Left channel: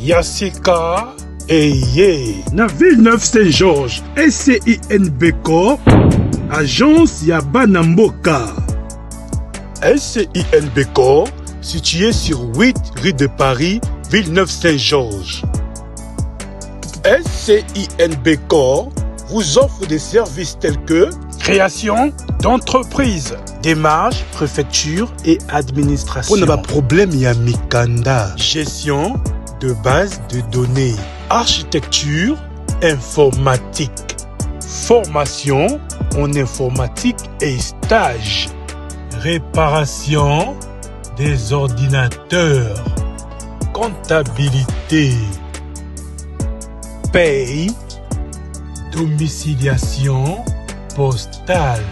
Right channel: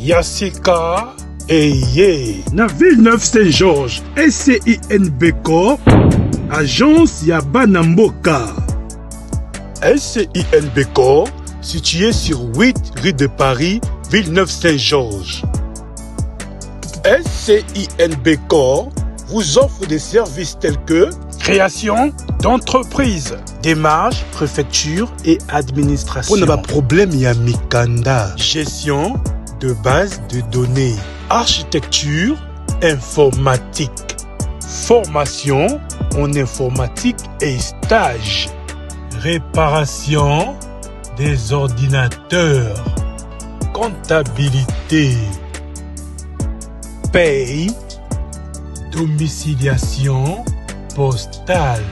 Yassika Eye na Villeneuve Saint-Georges SCINBCO agence ya bana mboka. SCINBCO situé sur 8 rue de Paris, Villeneuve Saint-Georges. SCINBCO vous offre des services tels que création d'entreprise, démarche, préfecture et administration. On a problème ya mikanda, gestion de base de données, architecture, informatique, formation en informatique et stage, réparation des ordinateurs, comptabilité, paye, domiciliation postale.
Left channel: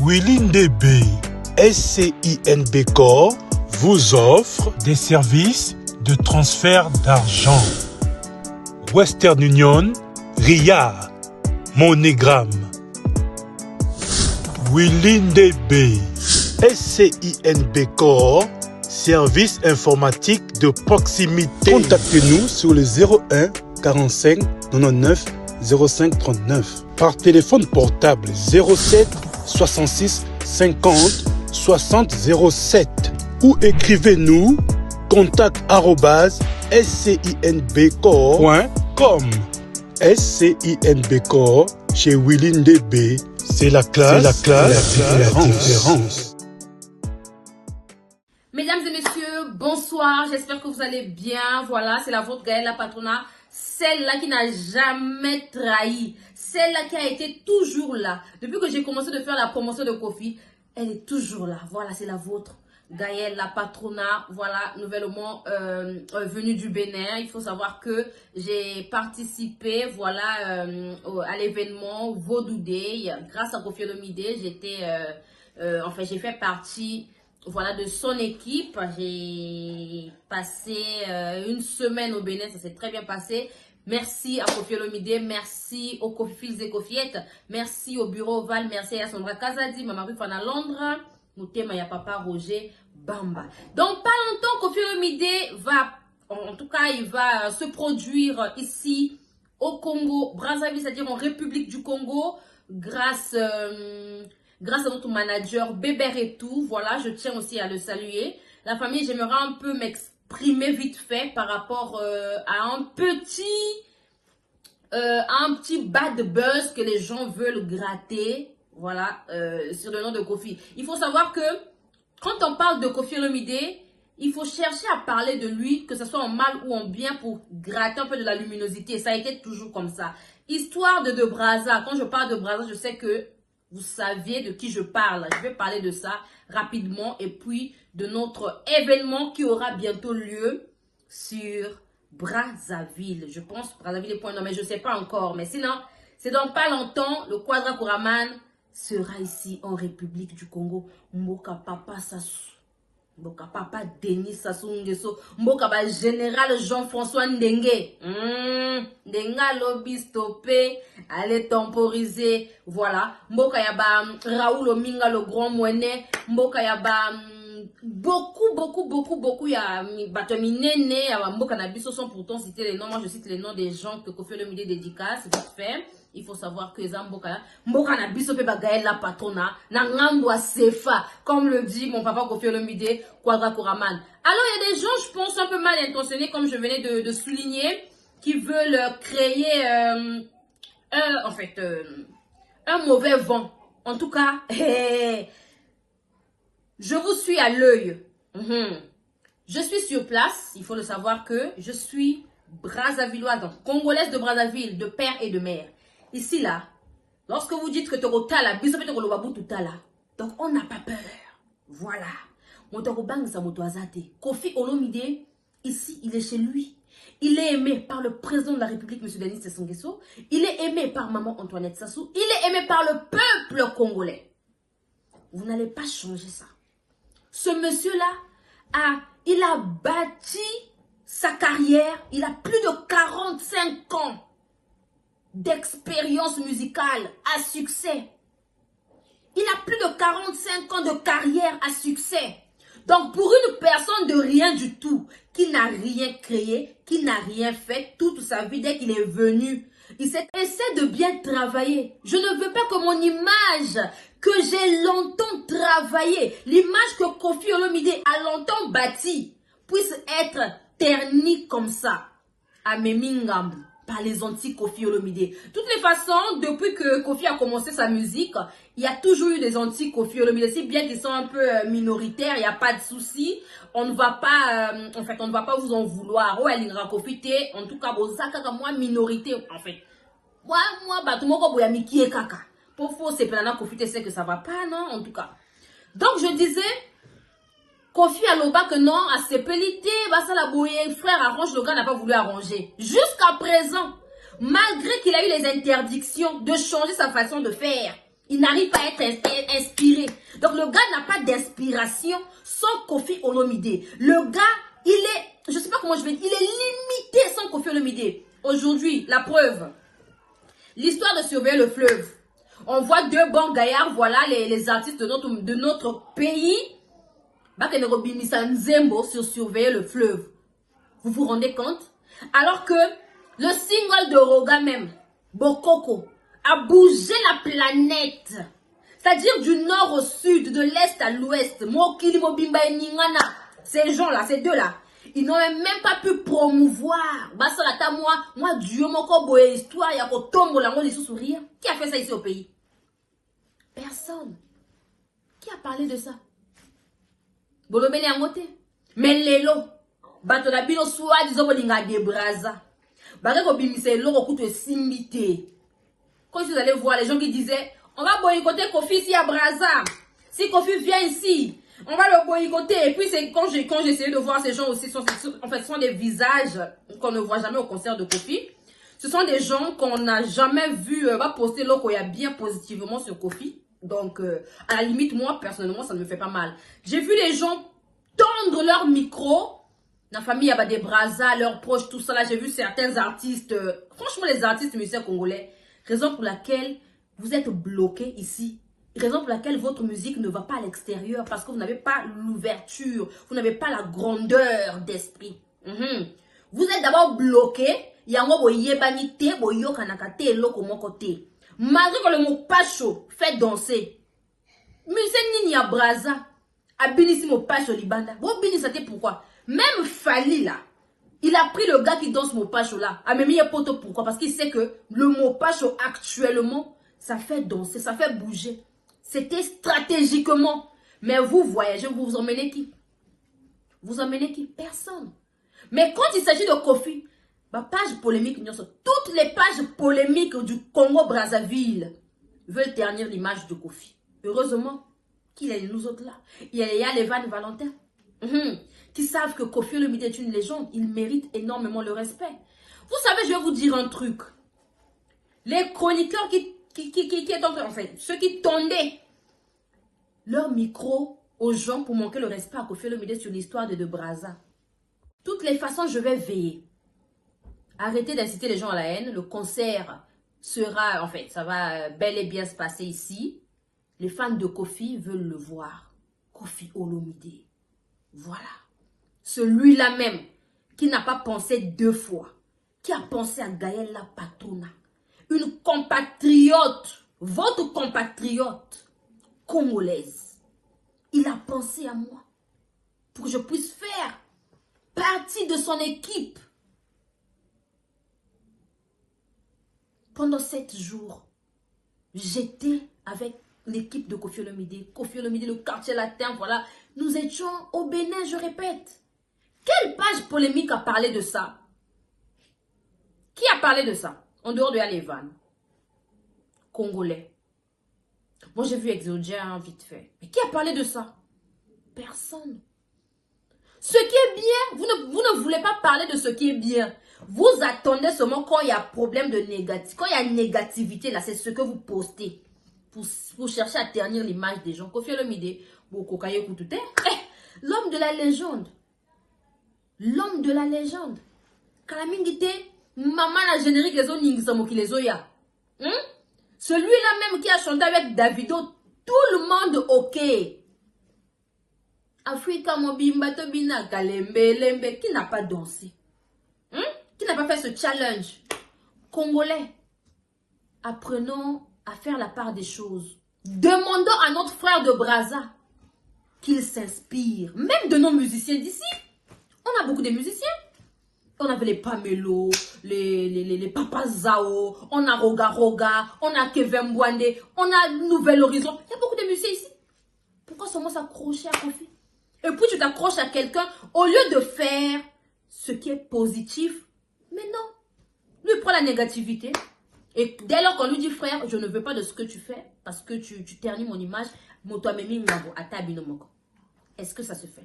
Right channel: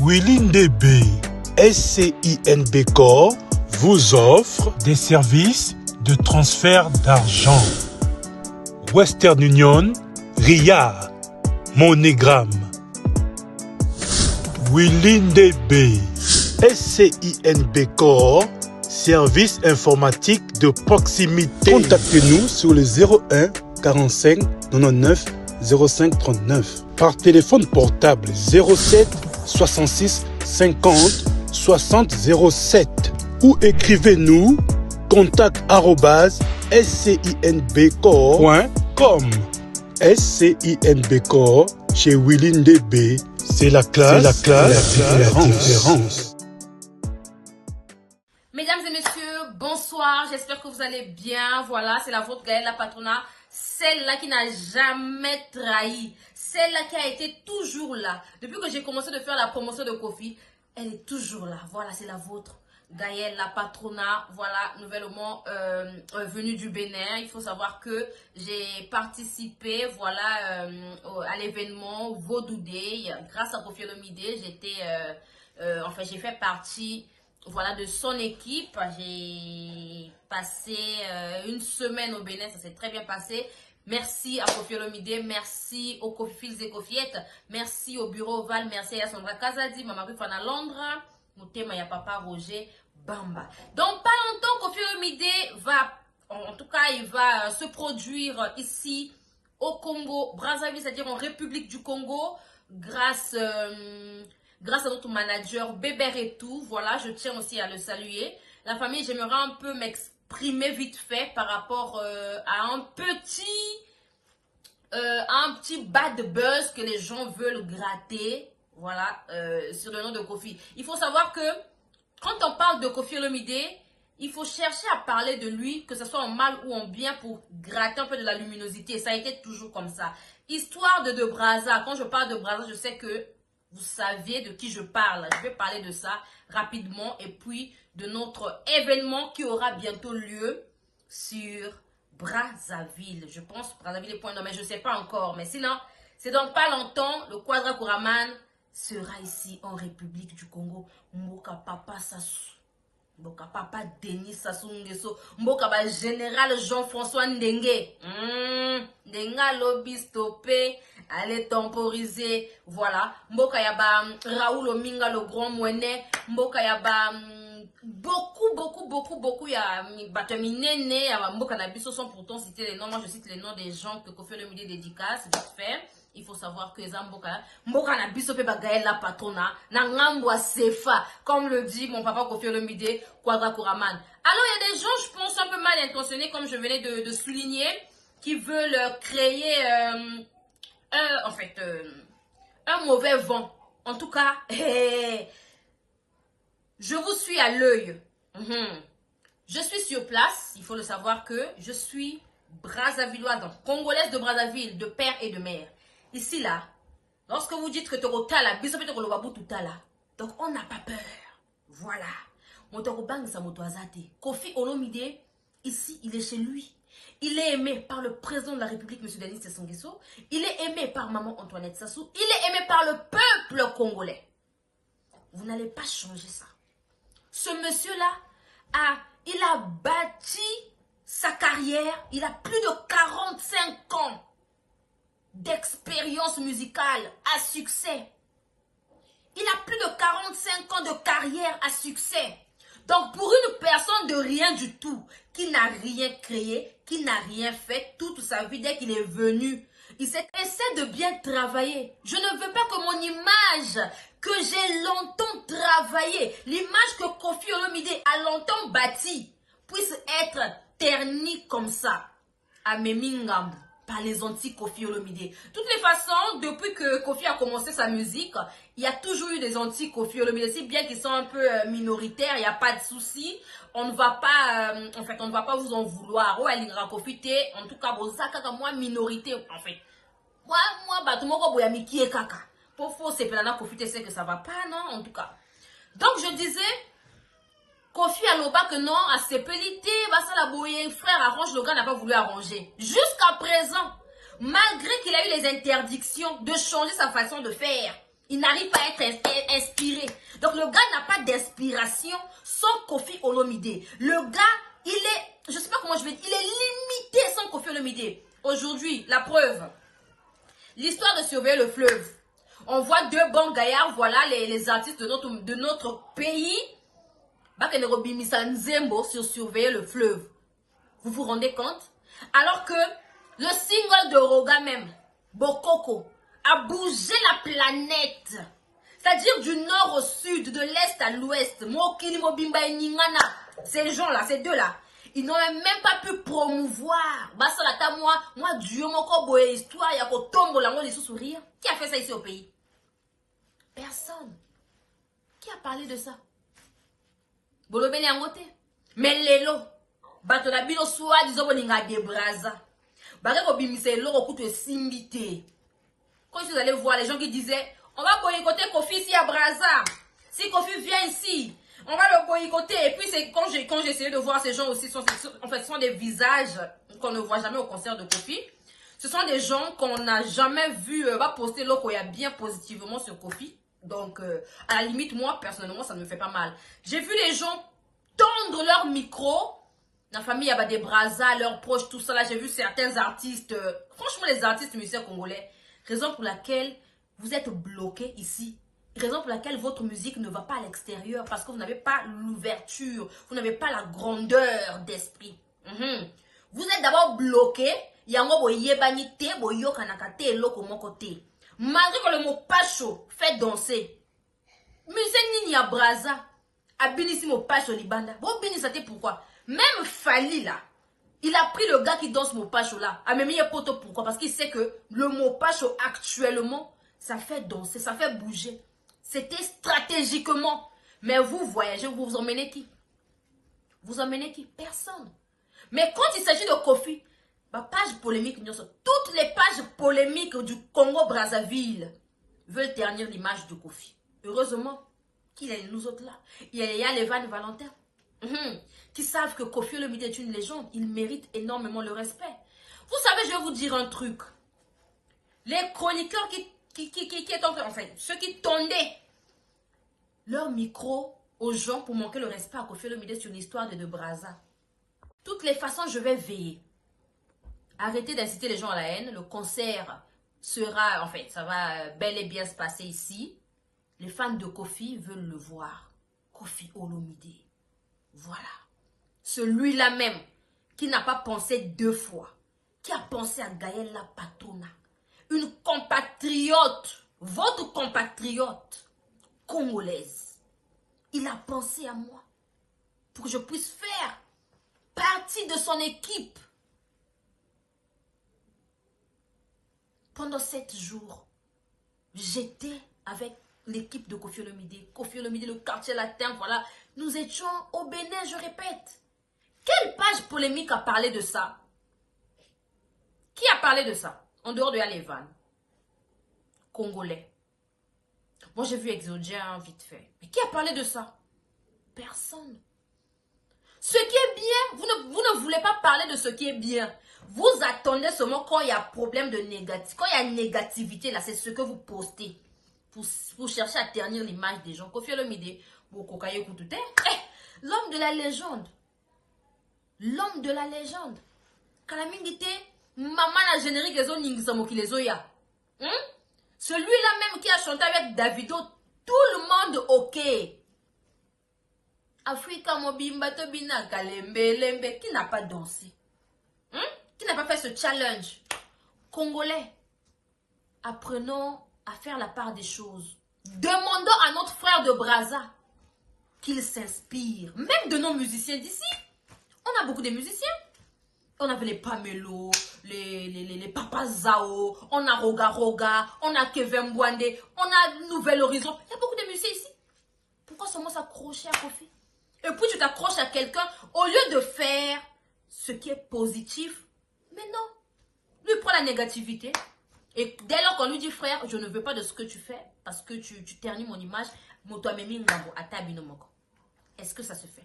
Willindebe SCINBCO vous offre des services de transfert d'argent. Western Union, RIA, MoneyGram. Willindebe SCINBCO, service informatique de proximité. Contactez-nous sur le 01 45 99 05 39. Par téléphone portable 07 66 50 60 07 ou écrivez-nous contact@scinbco.com. SCINBCO chez Willindebe, c'est la classe, la différence. Mesdames et messieurs, bonsoir, j'espère que vous allez bien. Voilà, c'est la vôtre Gaëlle la Patrona, celle-là qui n'a jamais trahi, celle-là qui a été toujours là. Depuis que j'ai commencé de faire la promotion de Kofi, elle est toujours là. Voilà, c'est la vôtre Gaëlle la Patrona, voilà, nouvellement venue du Bénin. Il faut savoir que j'ai participé, voilà, à l'événement Vodou Day. Grâce à Koffi Olomide, j'étais, enfin, j'ai fait partie, voilà, de son équipe. J'ai passé une semaine au Bénin, ça s'est très bien passé. Merci à Koffi Olomide, merci aux Kofis et Kofiettes, merci au bureau Oval, merci à Sandra Kazadi, Maman Rufana Londres. Moutema ya papa Roger Bamba. Donc pas longtemps Koffi Olomide va, en tout cas il va se produire ici au Congo, Brazzaville, c'est-à-dire en République du Congo, grâce à notre manager Bébert et tout. Voilà, je tiens aussi à le saluer. La famille, j'aimerais un peu m'exprimer vite fait par rapport à un petit bad buzz que les gens veulent gratter. Voilà, sur le nom de Koffi. Il faut savoir que quand on parle de Koffi Olomide, il faut chercher à parler de lui, que ce soit en mal ou en bien, pour gratter un peu de la luminosité. Ça a été toujours comme ça. Histoire de Brazza. Quand je parle de Brazza, je sais que vous saviez de qui je parle. Je vais parler de ça rapidement. Et puis de notre événement qui aura bientôt lieu sur Brazzaville. Je pense Brazzaville est point non, mais je ne sais pas encore. Mais sinon, c'est dans pas longtemps, le Quadra Kouraman sera ici en République du Congo. Mboka Papa Sassou, Mboka Papa Denis Sassou Nguesso, Mboka ba Général Jean-François Ndenge. Ndenga lobby stoppé, allez temporiser. Voilà. Mboka yaba Raoul Ominga le grand moinet. Mboka yaba beaucoup ya bataminene ya Mboka na biso sans pourtant citer les noms. Moi je cite les noms des gens que Koffi Olomide dédicace, c'est vite fait. Il faut savoir que Mboka na biso pe ba Gaëlle la Patrona na ngambo a Sefa, comme le dit mon papa Koffi Olomide Quadra Kouraman. Alors il y a des gens, je pense, un peu mal intentionnés, comme je venais de souligner, qui veulent créer un mauvais vent. En tout cas, je vous suis à l'œil. Je suis sur place. Il faut le savoir que je suis Brazzavilloise, donc congolaise de Brazzaville, de père et de mère. Ici, là, lorsque vous dites que tu es donc on n'a pas peur. Voilà. Koffi Olomide, ici, il est chez lui. Il est aimé par le président de la République, M. Denis Sassou Nguesso. Il est aimé par maman Antoinette Sassou. Il est aimé par le peuple congolais. Vous n'allez pas changer ça. Ce monsieur-là, il a bâti sa carrière. Il a plus de 45 ans d'expérience musicale à succès. Il a plus de 45 ans de carrière à succès. Donc, pour une personne de rien du tout, qui n'a rien créé, qui n'a rien fait toute sa vie dès qu'il est venu, il essaie de bien travailler. Je ne veux pas que mon image, que j'ai longtemps travaillé, l'image que Koffi Olomide a longtemps bâtie, puisse être ternie comme ça, à Memingambu, par les anti-Koffi Olomide. De toutes les façons, depuis que Koffi a commencé sa musique, il y a toujours eu des anti-Koffi Olomide. Si bien qu'ils sont un peu minoritaires, il n'y a pas de souci. On ne va pas, en fait, on ne va pas vous en vouloir. Oh, elle profiter. En tout cas, moi, minorité, en fait. Moi, bah, tout le monde a mis qui est caca. Pour faut se plaindre, profiter, c'est que ça va pas, non, en tout cas. Donc, je disais, Koffi Aloba que non, à ses pellités, bah, ça la bouille, frère, arrange, le gars n'a pas voulu arranger. Jusqu'à présent, malgré qu'il a eu les interdictions de changer sa façon de faire, il n'arrive pas à être inspiré. Donc, le gars n'a pas d'inspiration sans Koffi Olomide. Le gars, il est, je sais pas comment je vais dire, il est limité sans Koffi Olomide. Aujourd'hui, la preuve. L'histoire de surveiller le fleuve. On voit deux bons gaillards, voilà les artistes de notre pays. Bakenrobi Nzembo sur surveiller le fleuve. Vous vous rendez compte? Alors que le single de Roga même, Bokoko, a bougé la planète. C'est-à-dire du nord au sud, de l'est à l'ouest. Mokili Mobimba et Ningana. Ces gens-là, ces deux-là. Ils n'ont même pas pu promouvoir. Moi, Dieu, mon histoire, il y a un tombeau là, on est tous sourire. Qui a fait ça ici au pays? Personne. Qui a parlé de ça? Bolobele angote. Mais lelo. Bato na bino soa disons bolinga de braza. Bare ko bimise loko kutu simbité. Quand vous allez voir les gens qui disaient, on va boycotter Koffi ici à Braza. Si Koffi vient ici, on va le boycotter. Et puis, c'est quand j'ai essayé de voir ces gens aussi, en fait, ce sont des visages qu'on ne voit jamais au concert de Koffi. Ce sont des gens qu'on n'a jamais vu va poster l'Okoya bien positivement sur Koffi. Donc, à la limite, moi, personnellement, ça ne me fait pas mal. J'ai vu les gens tendre leur micro. La famille a des Braza, leurs proches, tout ça. Là, j'ai vu certains artistes. Franchement, les artistes musiciens congolais. Raison pour laquelle vous êtes bloqué ici. Raison pour laquelle votre musique ne va pas à l'extérieur. Parce que vous n'avez pas l'ouverture. Vous n'avez pas la grandeur d'esprit. Vous êtes d'abord bloqué. Malgré que le mot pacho fait danser. Musée Nini à Braza. A binisi mo pacho libanda. Bon binisate pourquoi? Même Fali là. Il a pris le gars qui danse Mopacho là. A mis poto pourquoi? Parce qu'il sait que le Mopacho actuellement, ça fait danser, ça fait bouger. C'était stratégiquement. Mais vous voyagez, vous emmenez qui? Vous emmenez qui? Personne. Mais quand il s'agit de Koffi, bah, page polémique, toutes les pages polémiques du Congo-Brazzaville veulent ternir l'image de Koffi. Heureusement qu'il y a nous autres là. Il y a les Van Valentin. Qui savent que Koffi Olomide est une légende, il mérite énormément le respect. Vous savez, je vais vous dire un truc. Les chroniqueurs en fait, ceux qui tendaient leur micro aux gens pour manquer le respect à Koffi Olomide sur l'histoire de Braza. Toutes les façons, je vais veiller. Arrêtez d'inciter les gens à la haine. Le concert sera, en fait, ça va bel et bien se passer ici. Les fans de Koffi veulent le voir. Koffi Olomide. Voilà. Celui-là même, qui n'a pas pensé deux fois, qui a pensé à Gaël La Patrona, une compatriote, votre compatriote congolaise. Il a pensé à moi pour que je puisse faire partie de son équipe. Pendant 7 jours, j'étais avec l'équipe de Koffi Olomide. Koffi Olomide, le quartier latin, voilà. Nous étions au Bénin, je répète. Quelle page polémique a parlé de ça? Qui a parlé de ça? En dehors de Alévan. Congolais. Moi, j'ai vu Exodien vite fait. Mais qui a parlé de ça? Personne. Ce qui est bien, vous ne voulez pas parler de ce qui est bien. Vous attendez seulement quand il y a problème de négatif. Quand il y a une négativité, là, c'est ce que vous postez. Pour chercher à ternir l'image des gens. Koffi Olomide, l'homme de la légende. L'homme de la légende. Kalamingite, maman la générique les autres n'ingissamo qui les oya. Celui-là même qui a chanté avec Davido, tout le monde ok. Africa Mobimba Tobina Kalembe Lembe, qui n'a pas dansé? Qui n'a pas fait ce challenge? Congolais, apprenons à faire la part des choses. Demandons à notre frère de Brazza qu'il s'inspire, même de nos musiciens d'ici. On a beaucoup de musiciens. On avait les Pamelo, les Papa Zao, on a Roga Roga, on a Kevin Mbwande, on a Nouvel Horizon. Il y a beaucoup de musiciens ici. Pourquoi seulement s'accrocher à Kofi? Et puis tu t'accroches à quelqu'un au lieu de faire ce qui est positif. Mais non, lui prend la négativité. Et dès lors qu'on lui dit, frère, je ne veux pas de ce que tu fais parce que tu ternis mon image, est-ce que ça se fait?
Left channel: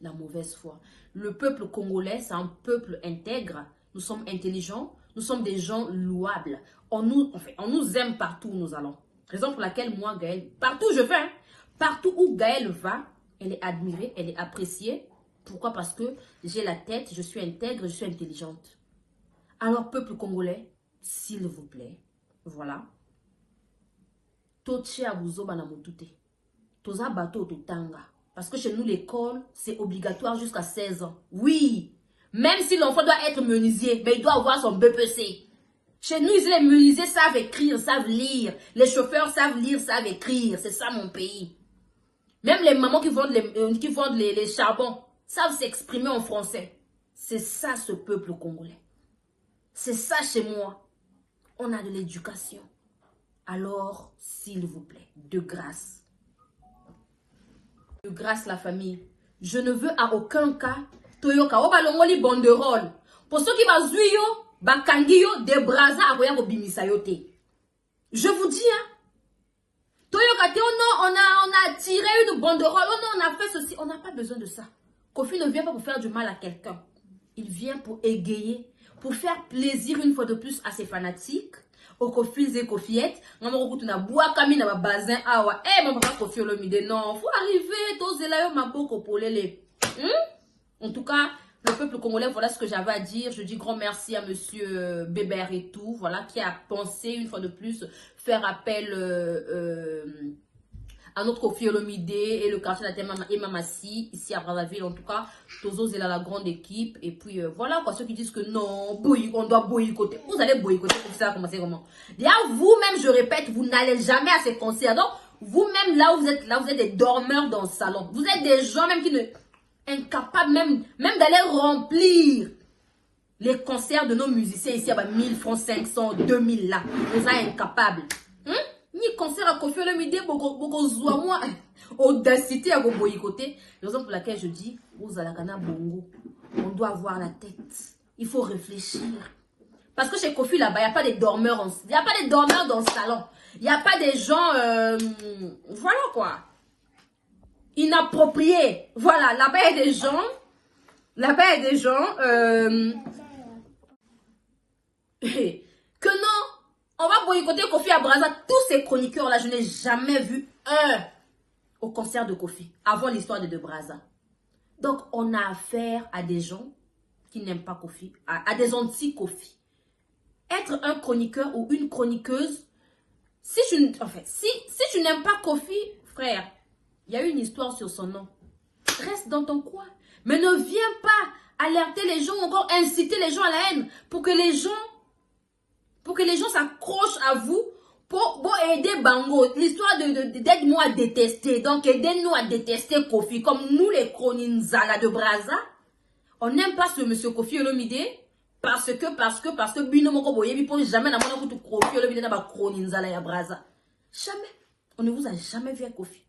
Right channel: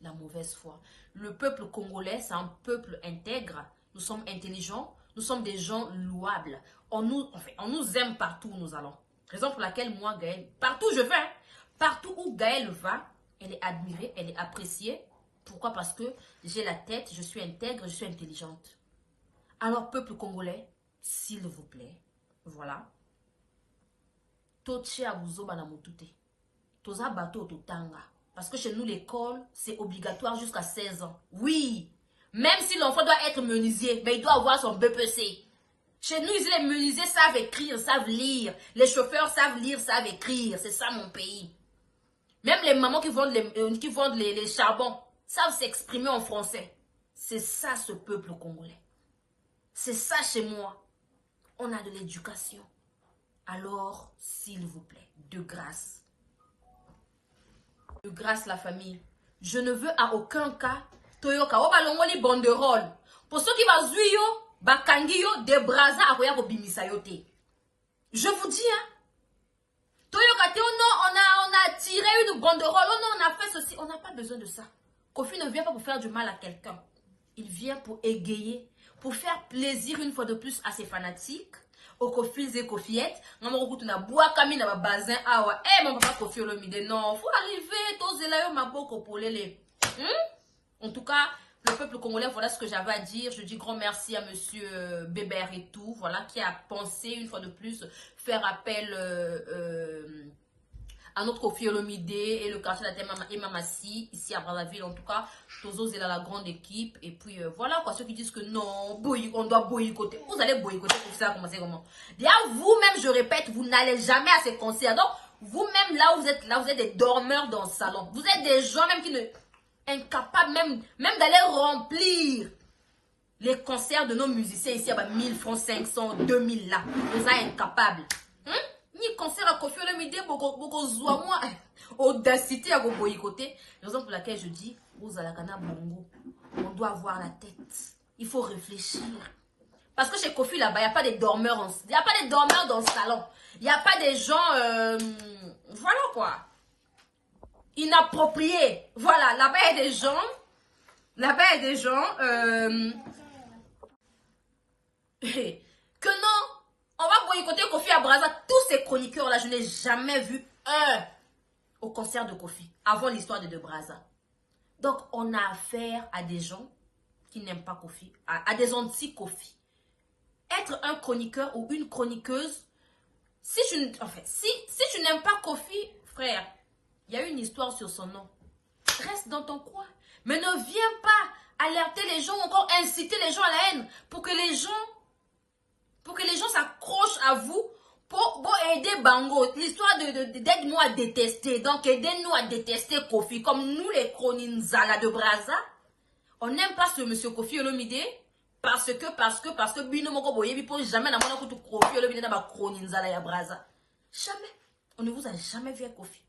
La mauvaise foi. Le peuple congolais, c'est un peuple intègre. Nous sommes intelligents, nous sommes des gens louables. On nous aime partout où nous allons. Raison pour laquelle moi, Gaëlle, partout où je vais, partout où Gaëlle va, elle est admirée, elle est appréciée. Pourquoi? Parce que j'ai la tête, je suis intègre, je suis intelligente. Alors, peuple congolais, s'il vous plaît, voilà. Toche abuzo bana motute. Toza bato totanga. Parce que chez nous, l'école, c'est obligatoire jusqu'à 16 ans. Oui, même si l'enfant doit être menuisier, mais il doit avoir son BPC. Chez nous, les menuisiers savent écrire, savent lire. Les chauffeurs savent lire, savent écrire. C'est ça mon pays. Même les mamans qui vendent les charbons savent s'exprimer en français. C'est ça ce peuple congolais. C'est ça chez moi. On a de l'éducation. Alors, s'il vous plaît, de grâce. De grâce la famille. Je ne veux à aucun cas Toyoka obalongoli banderole. Pour ceux qui va zuyo, bakangiyo de Brazza akoya ko bimisa yote. Je vous dis Toyoka te non, on a tiré une banderole, oh non, on a fait ceci, on n'a pas besoin de ça. Kofi ne vient pas pour faire du mal à quelqu'un. Il vient pour égayer, pour faire plaisir une fois de plus à ses fanatiques. Au Kofi et Kofiettes, maman route na bois kami na bazin awa. Eh mon papa Kofi Olomide non, faut arriver tous là yo maboko polele. En tout cas, le peuple congolais, voilà ce que j'avais à dire. Je dis grand merci à monsieur Bébert et tout, voilà, qui a pensé une fois de plus faire appel à notre Kofi Olomide et le quartier et Mamassi, ici à Brazzaville, en tout cas, Tozo c'est là la grande équipe, et puis voilà quoi, ceux qui disent que non, on doit boycotter, vous allez boycotter, pour ça commencer comment? Déjà, vous-même, je répète, vous n'allez jamais à ces concerts, donc, vous-même, là, vous êtes des dormeurs dans le salon, vous êtes des gens même qui ne, incapables même d'aller remplir les concerts de nos musiciens ici, à 1000 francs, 500, 2000 là, vous êtes incapables. Ni concert à Kofi Olomide, beaucoup moi audacité à go boycotter. Raison pour laquelle je dis, vous allez à bongo, on doit avoir la tête. Il faut réfléchir. Parce que chez Kofi là-bas, il n'y a pas des dormeurs, il n'y a pas des dormeurs dans le salon. Il n'y a pas des gens, voilà quoi, inappropriés. Voilà, là-bas il y a des gens, que non. On va boycotter Kofi à Brazza. Tous ces chroniqueurs-là, je n'ai jamais vu un au concert de Kofi avant l'histoire de Brazza. Donc, on a affaire à des gens qui n'aiment pas Kofi, à des anti-Kofi. Être un chroniqueur ou une chroniqueuse, si tu n'aimes pas Kofi, frère, il y a une histoire sur son nom. Reste dans ton coin. Mais ne viens pas alerter les gens, encore inciter les gens à la haine pour que les gens s'accrochent à vous pour aider Bango. L'histoire d'aide-nous à détester. Donc, aidez-nous à détester Kofi. Comme nous, les Kroninzala de Brazza, on n'aime pas ce monsieur Kofi Olomide parce que Binomoko Boyebi pour jamais n'a pas Kofi Olomide n'a pas Kroninzala ya Brazza. Jamais. On ne vous a jamais vu à Kofi.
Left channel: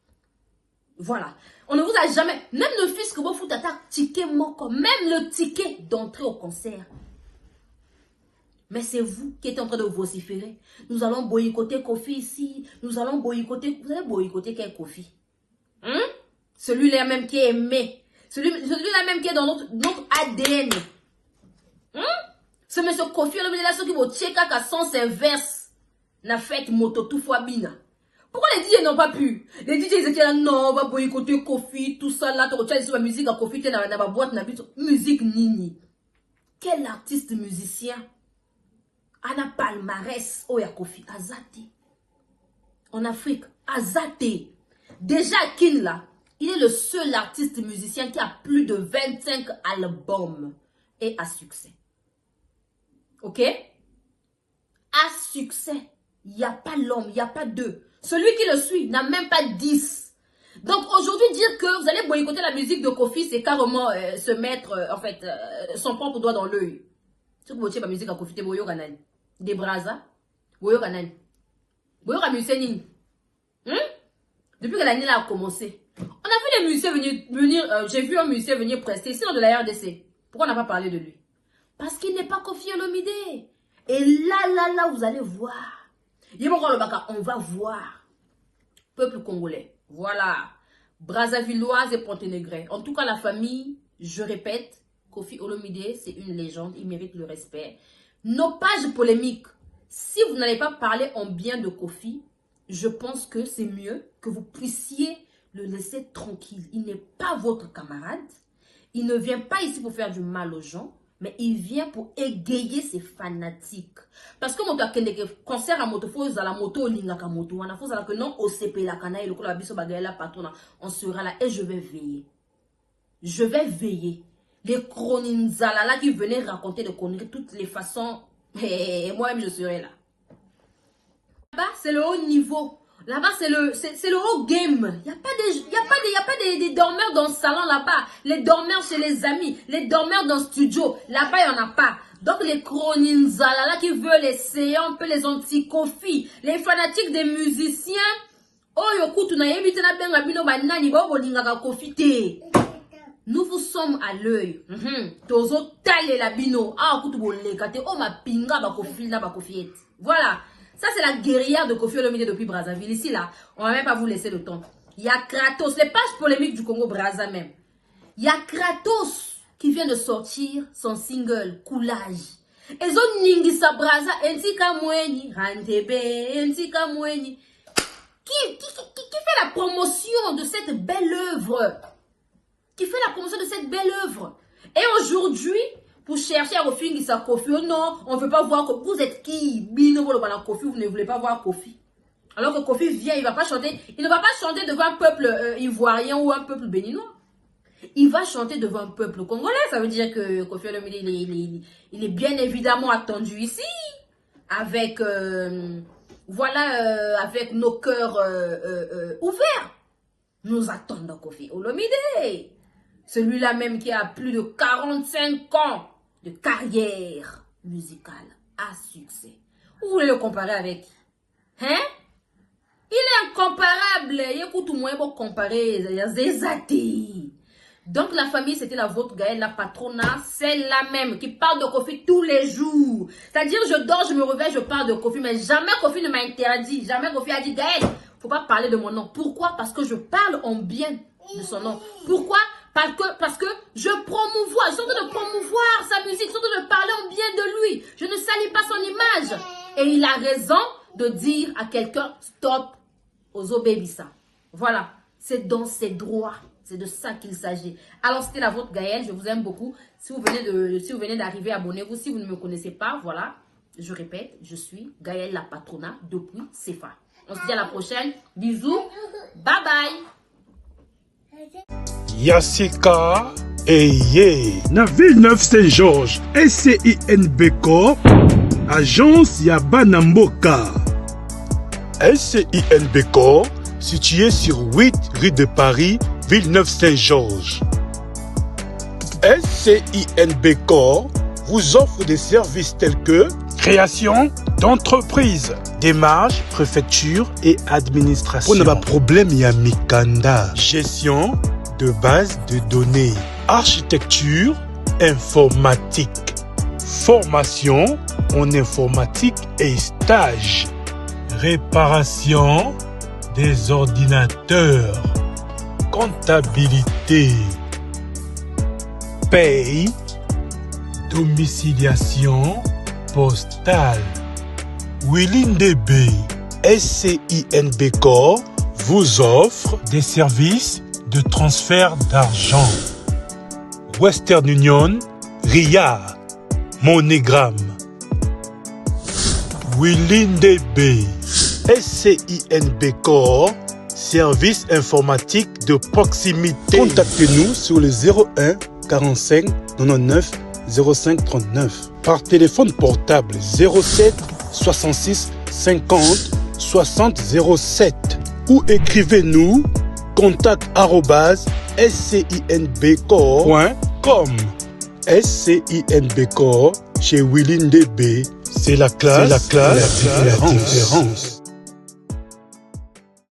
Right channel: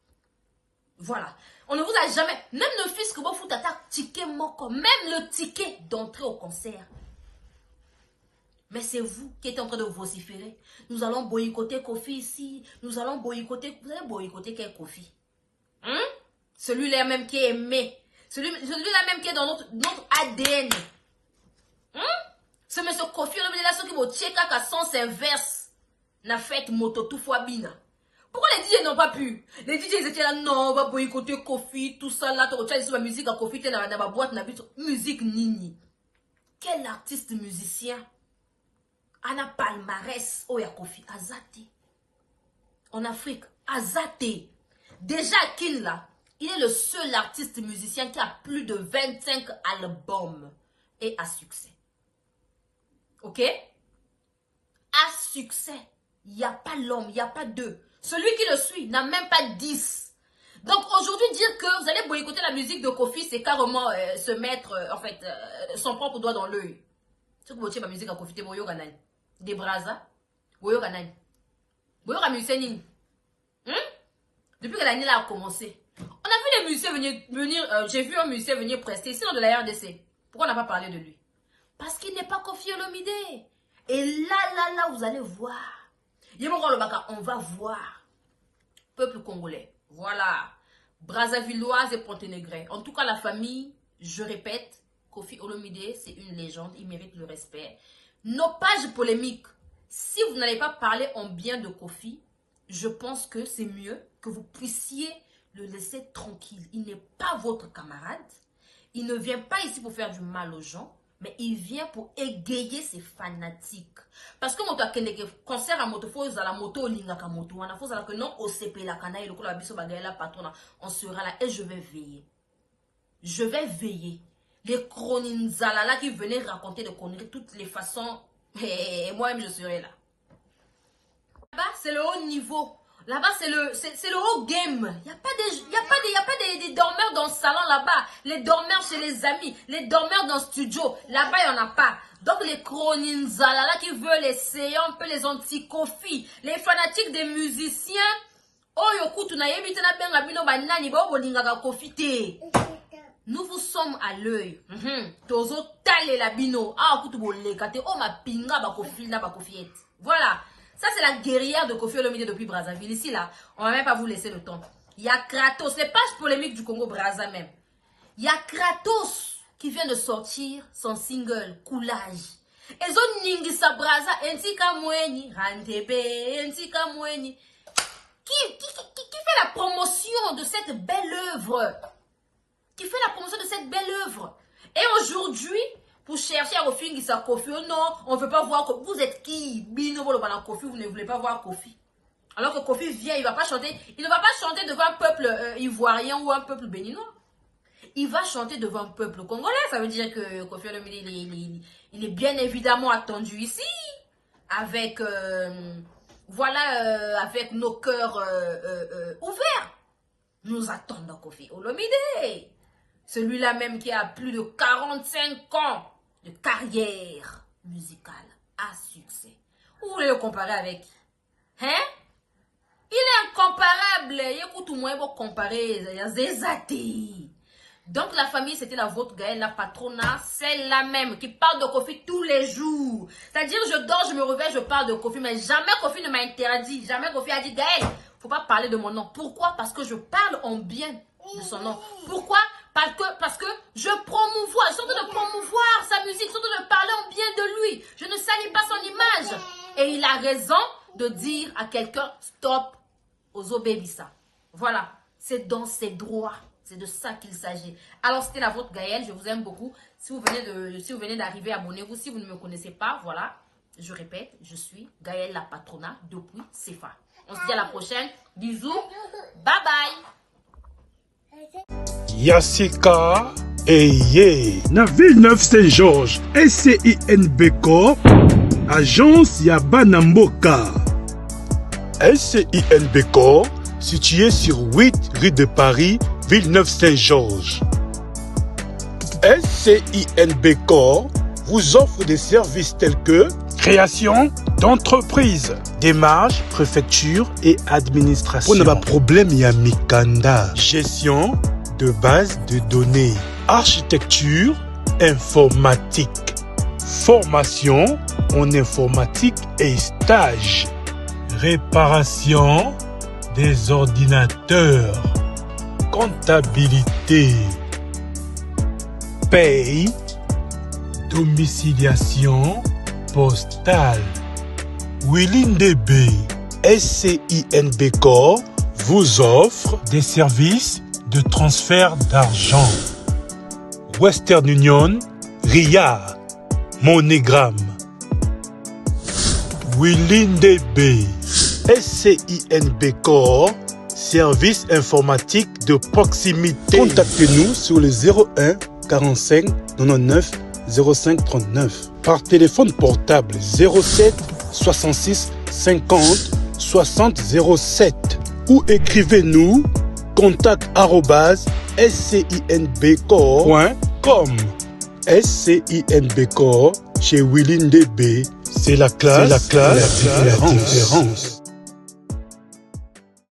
Voilà. On ne vous a jamais, même le fils que vous foutez à ticket moko, même le ticket d'entrée au concert. Mais c'est vous qui êtes en train de vociférer. Nous allons boycotter Kofi ici. Nous allons boycotter. Vous allez boycotter quel Kofi? Celui-là même qui est aimé. Celui-là même qui est dans notre ADN. Ce monsieur Kofi, là, ceux qui vont checker à son verse. N'a fait moto tout fois bina. Pourquoi les DJ n'ont pas pu? Les DJ ils étaient là, non, on va boycotter Kofi, tout ça là. Tu retiens la musique à Kofi, tu es dans ma boîte, na musique nini. Quel artiste musicien? Ana palmarès Oya Kofi Azate. En Afrique, Azate. Déjà Kin là, Il est le seul artiste musicien qui a plus de 25 albums et à succès. Ok? À succès. Il n'y a pas l'homme, il n'y a pas deux. Celui qui le suit n'a même pas 10. Donc aujourd'hui, dire que vous allez boycotter la musique de Kofi, c'est carrément se mettre, son propre doigt dans l'œil. Si vous boycottez la musique à Kofi, c'est boyo ganani. Des brasa, boyo ganani. Boyo musicien. Depuis que l'année a commencé. On a vu les musiciens venir j'ai vu un musicien venir prester, sinon de la RDC. Pourquoi on n'a pas parlé de lui? Parce qu'il n'est pas Koffi Olomide. Et là, vous allez voir. On va voir. Peuple congolais. Voilà. Brazzavilloise et Ponténégrais. En tout cas, la famille, je répète, Koffi Olomide, c'est une légende. Il mérite le respect. Nos pages polémiques. Si vous n'allez pas parler en bien de Koffi, je pense que c'est mieux que vous puissiez le laisser tranquille. Il n'est pas votre camarade. Il ne vient pas ici pour faire du mal aux gens, mais il vient pour égayer ses fanatiques. Parce que moto akendeke concert à moto faut la moto lingaka moto wana faut que non OCP la kana et le la biso bagala patron on sera là et je vais veiller. Je vais veiller. Les chroninzalala qui venaient raconter de conneries toutes les façons et moi-même je serai là. Là-bas c'est le haut niveau. Là-bas, c'est le haut game. Il n'y a pas des dormeurs dans le salon là-bas. Les dormeurs, c'est les amis. Les dormeurs dans le studio. Là-bas, il n'y en a pas. Donc, les chroninzalala qui veulent essayer un peu les anti-Koffi, les fanatiques des musiciens. Nous vous sommes à l'œil. Voilà. Ça, c'est la guerrière de Koffi Olomide depuis Brazzaville. Ici, là, on ne va même pas vous laisser le temps. Il y a Kratos, c'est pas polémique du Congo-Brazza même. Il y a Kratos qui vient de sortir son single, Coulage. Et zone Ningisa Brazza, Nsika Mweni, Rantebe, Nsika Mweni. Qui fait la promotion de cette belle œuvre? Qui fait la promotion de cette belle œuvre? Et aujourd'hui, pour chercher à refinir sa Koffi, non, on ne veut pas voir que vous êtes qui? Bino Koffi, vous ne voulez pas voir Koffi. Alors que Koffi vient, il va pas chanter, il ne va pas chanter devant un peuple ivoirien ou un peuple béninois. Il va chanter devant un peuple congolais. Ça veut dire que Koffi Olomide, il est bien évidemment attendu ici. Avec, avec nos cœurs ouverts. Nous attendons Koffi Olomide. Celui-là même qui a plus de 45 ans de carrière musicale à succès. Vous voulez le comparer avec? Hein? Il est incomparable. Écoute, moi, il faut comparer. Il y a Zezati. Donc, la famille, c'était la vôtre, Gaëlle, la patrona, celle-là même, qui parle de Koffi tous les jours. C'est-à-dire, je dors, je me réveille, je parle de Koffi, mais jamais Koffi ne m'a interdit. Jamais Koffi a dit, Gaëlle, faut pas parler de mon nom. Pourquoi? Parce que je parle en bien de son nom. Pourquoi? Parce que je promouvois, surtout de promouvoir sa musique, surtout de parler en bien de lui. Je ne salis pas son image. Et il a raison de dire à quelqu'un, stop, aux obéissants. Voilà, c'est dans ses droits. C'est de ça qu'il s'agit. Alors, c'était la vôtre Gaëlle, je vous aime beaucoup. Si vous venez d'arriver, abonnez-vous. Si vous ne me connaissez pas, voilà, je répète, je suis Gaëlle la patrona depuis CFA. On se dit à la prochaine. Bisous. Bye bye. Yassika Eye na Villeneuve Saint-Georges SCINBCO Agence Yabana Mboka. SCINBCO situé sur 8 rue de Paris, Villeneuve Saint-Georges. SCINBCO vous offre des services tels que création d'entreprise, démarches, préfecture et administration. On n'a pas problème, il y a Mikanda. Gestion de base de données, architecture, informatique, formation en informatique et stage, réparation des ordinateurs, comptabilité, paye, domiciliation postale. Willindb SCINBCO vous offre des services de transfert d'argent. Western Union, RIA, MoneyGram. Willindb SCINBCO, service informatique de proximité. Contactez-nous sur le 01 45 99 05 39. Par téléphone portable 07 66 50 60 07. Ou écrivez-nous contact@scinbcorps.com. SCINBcorps chez Willing DB. C'est la classe, la différence.